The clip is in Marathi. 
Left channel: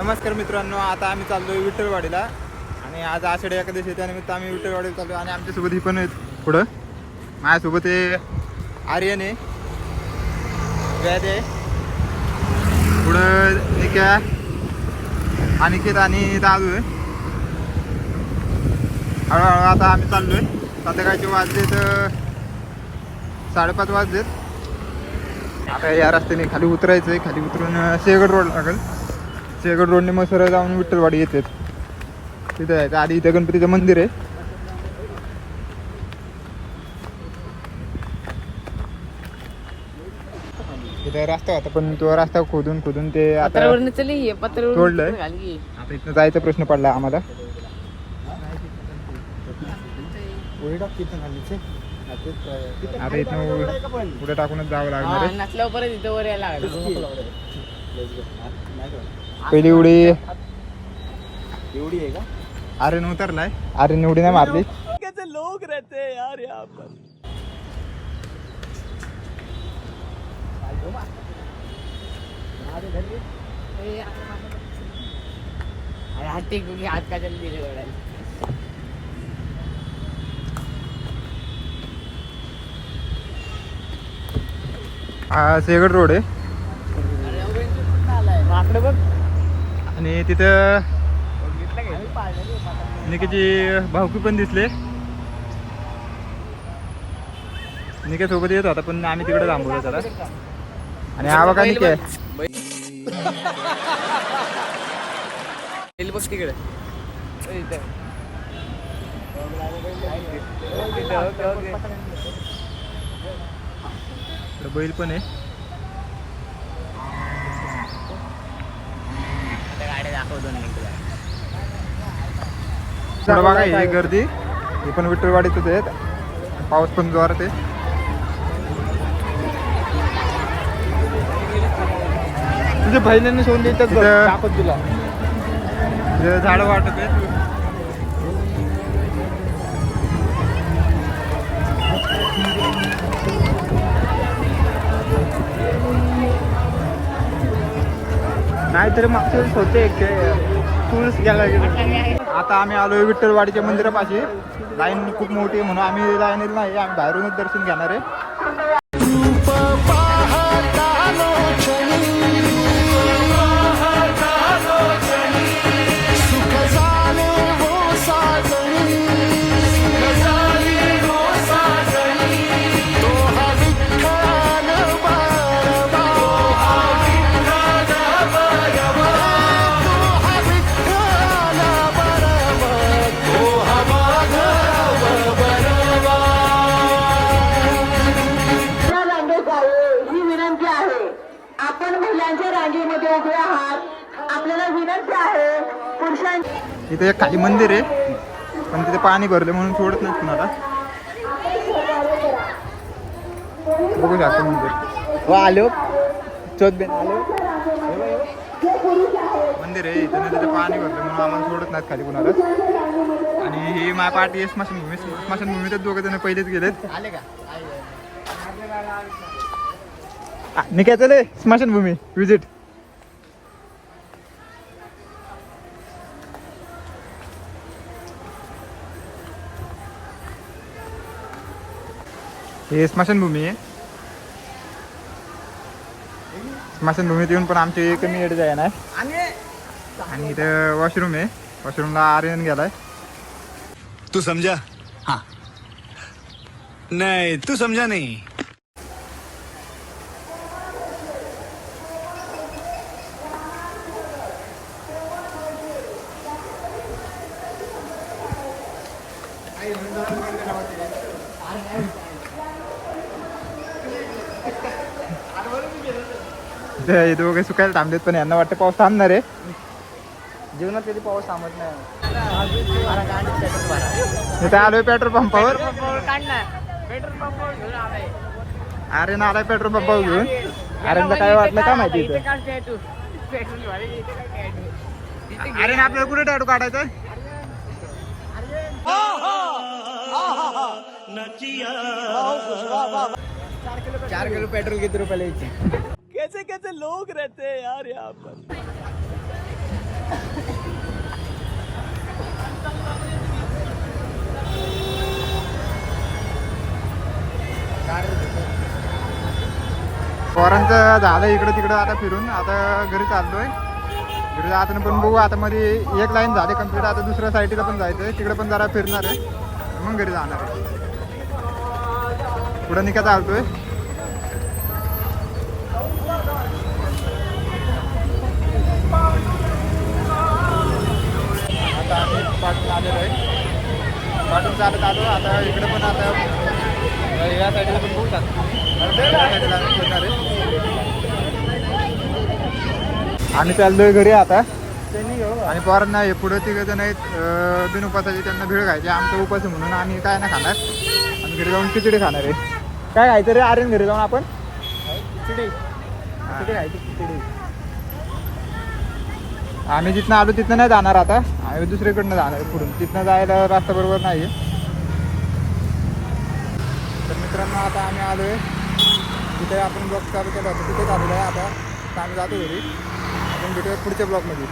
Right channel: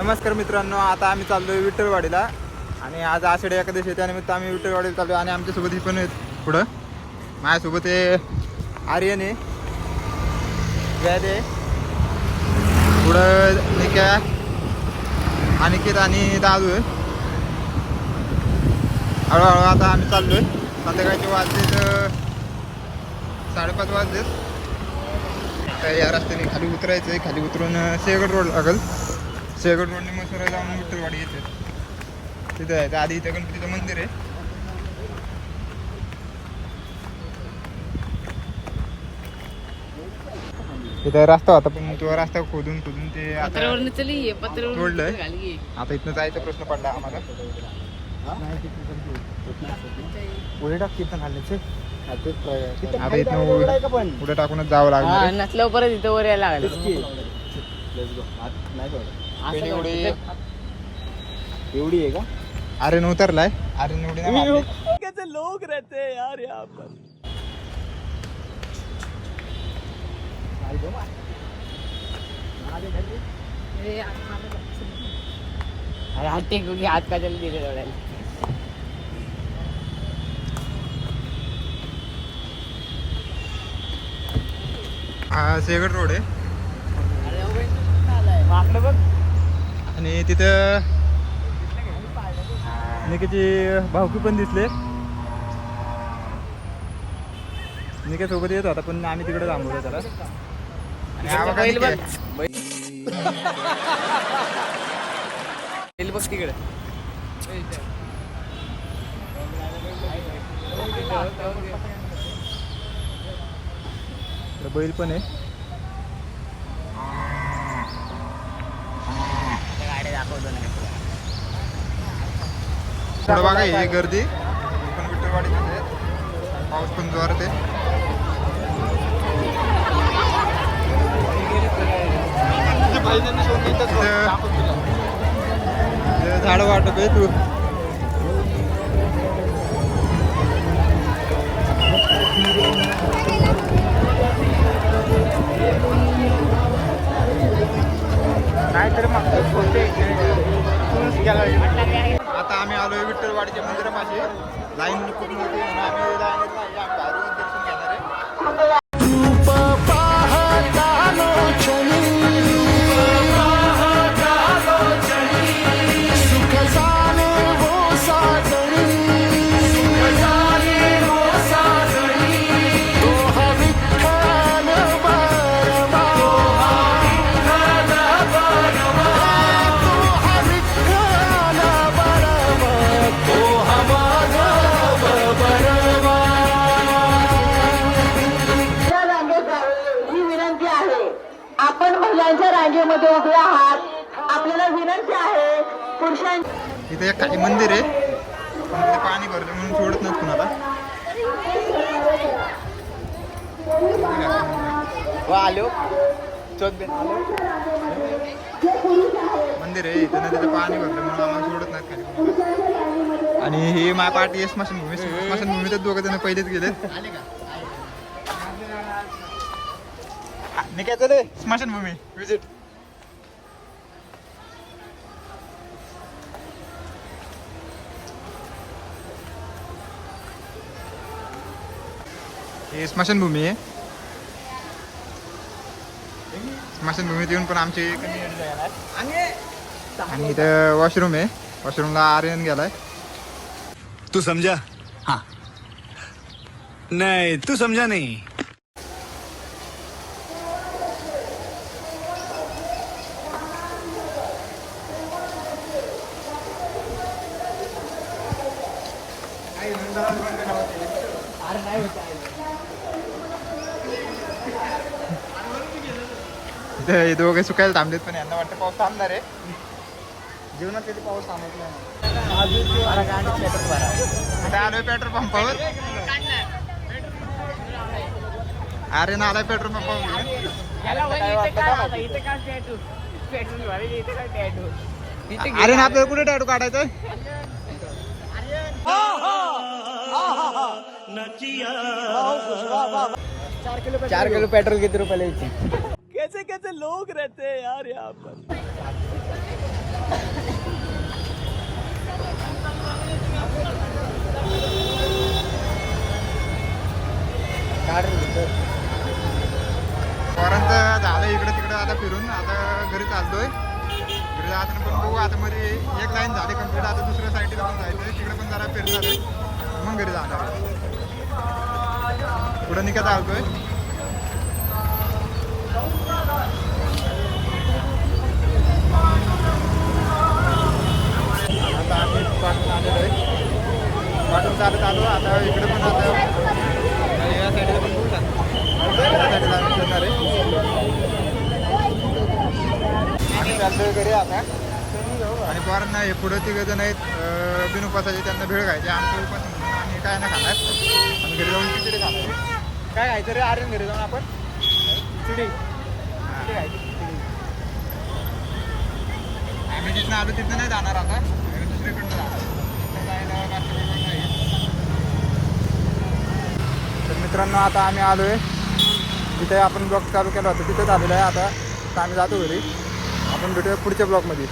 नमस्कार मित्रांनो, आता आम्ही चाललोय विठ्ठलवाडीला आणि आज आषाढी एकादशी आहे, त्यानिमित्त आम्ही विठ्ठलवाडीला चाललोय. आणि आमच्यासोबत ही पण आहेत पुढं. माझ्यासोबत आहे आर्यन आहे, वैद आहे, पुढं निक्या, अनिकेत आणि दादू आहे. हळूहळू आता आम्ही चाललोय. संध्याकाळचे वाजलेत 5:30 वाजलेत. आता या रस्त्याने खाली उतरायचं आहे. खाली उतरून शेगड रोड लागेल. शेगड रोडने मग सरळ जाऊन विठ्ठलवाडी येते. तिथं जायचं. आधी इथं गणपतीचं मंदिर आहे. तिथं रस्ता होता पण तो रस्ता खोदून ते आता तोडलंय. आता इथनं जायचा प्रश्न पडला आम्हाला. आता इथनं पुढे टाकूनच जावं लागणार आहे. पहिली उडी एवढी आहे का? आर्यन उतरलाय. आर्यन उडी नाही मारली. कैसे लोग रहते हैं यार यहाँ पर. हात का जल्दी हा शेगड रोड आहे आणि तिथं निकेची भाऊकी पण दिसले. निके सोबत येत होता पण आम्ही तिकडे थांबवलं त्याला. आणि हा बघा निके बघ तिकडे. बैल पण आहे. पुढं बघा हे गर्दी. ही पण विठ्ठलवाडीतच आहे. पाऊस पण जोरात आहे. झाड वाटप आहे. तू आता आम्ही आलोय विठ्ठलवाडीच्या मंदिरापाशी. लाईन खूप मोठी म्हणून आम्ही लाईनीत नाही, आम्ही बाहेरूनच दर्शन घेणार आहे. रूप पाहतानो क्षणी सुख झाले वो साजणी. तो हा विठ्ठल बारवा, तो हा विठ्ठल बारवा, तो हा माधव बरवा. ही विनंती आहे, आपण महिलांच्या रांगेमध्ये उभे आहात. आपल्याला विनंती आहे पुरुषांची. इथे एक खाली मंदिर आहे पण तिथे पाणी भरले म्हणून सोडत नाहीत कुणाला. बघू शकतो मंदिर. आलो मंदिर आहे इथं. तिथे पाणी भरलं म्हणून आम्हाला सोडत नाहीत खाली कुणाला. आणि ही माझ्या पार्टी आहे स्मशानभूमी. स्मशानभूमी तर दोघं जण पहिलेच गेलेत. निघायचं चले स्मशानभूमी विजिट. हे स्मशानभूमी आहे. स्मशानभूमीत येऊन पण आमची कमी एड जाय ना. आणि इथं वॉशरूम आहे. वॉशरूमला आर्यन गेलाय. तू समझा? हाँ. नहीं तू समझा नहीं. हे दोघे सुकायला थांबलेत पण यांना वाटतं पाऊस थांबणार आहे. जीवनात कधी पाऊस थांबत नाही. पेट्रोल भरा. इथे आलोय पेट्रोल पंपावर. आर्यन आलाय पेट्रोल पंपावर घेऊन. आर्यनला काय वाटलं का माहिती. आर्यन आपल्याला कुठे टॅटू काढायचं. 4 किलो पेट्रोल किती रुपयाला यायची. कैसे कैसे लोग रहते हैं यार यहाँ पर. पोरांचं झालं इकडं तिकडं आता फिरून आता घरी चालतोय. घरी जाताना पण बघू आता मध्ये एक लाईन झाली कंप्लीट. आता दुसऱ्या साईडला पण जायचंय तिकडे पण जरा फिरणार आहे मग घरी जाणार आहे. पुढं निघत चालतोय. आता आम्ही पाठून आलेलो आहे. पाठून चालत आलो आता इकडे पण आता या साईडला पण बघू शकतो. या साईडला आम्ही फिरणार आहे. आम्ही चाललोय घरी आता. आणि पोरांना हे पुढं तिघं जण आहेत बिन उपासाचे त्यांना भेळ खायचे. आमचा उपास आहे म्हणून आम्ही काय नाही खाणार. आम्ही घरी जाऊन खिचडी खाणार आहे. काय खायचं रे आर्यन घरी जाऊन आपण खिचडी. हां आम्ही जिथनं आलो तिथनं नाही जाणार आता. आम्ही दुसरीकडनं जाणार पुढून. तिथनं जायला रस्ता बरोबर नाही. तर मित्रांनो आता आम्ही आलो आहे जिथे आपण ब्लॉग चालू केला होता तिथेच आलेलो आहे. आता आम्ही जातो घरी. आपण भेटूया पुढच्या ब्लॉगमध्ये.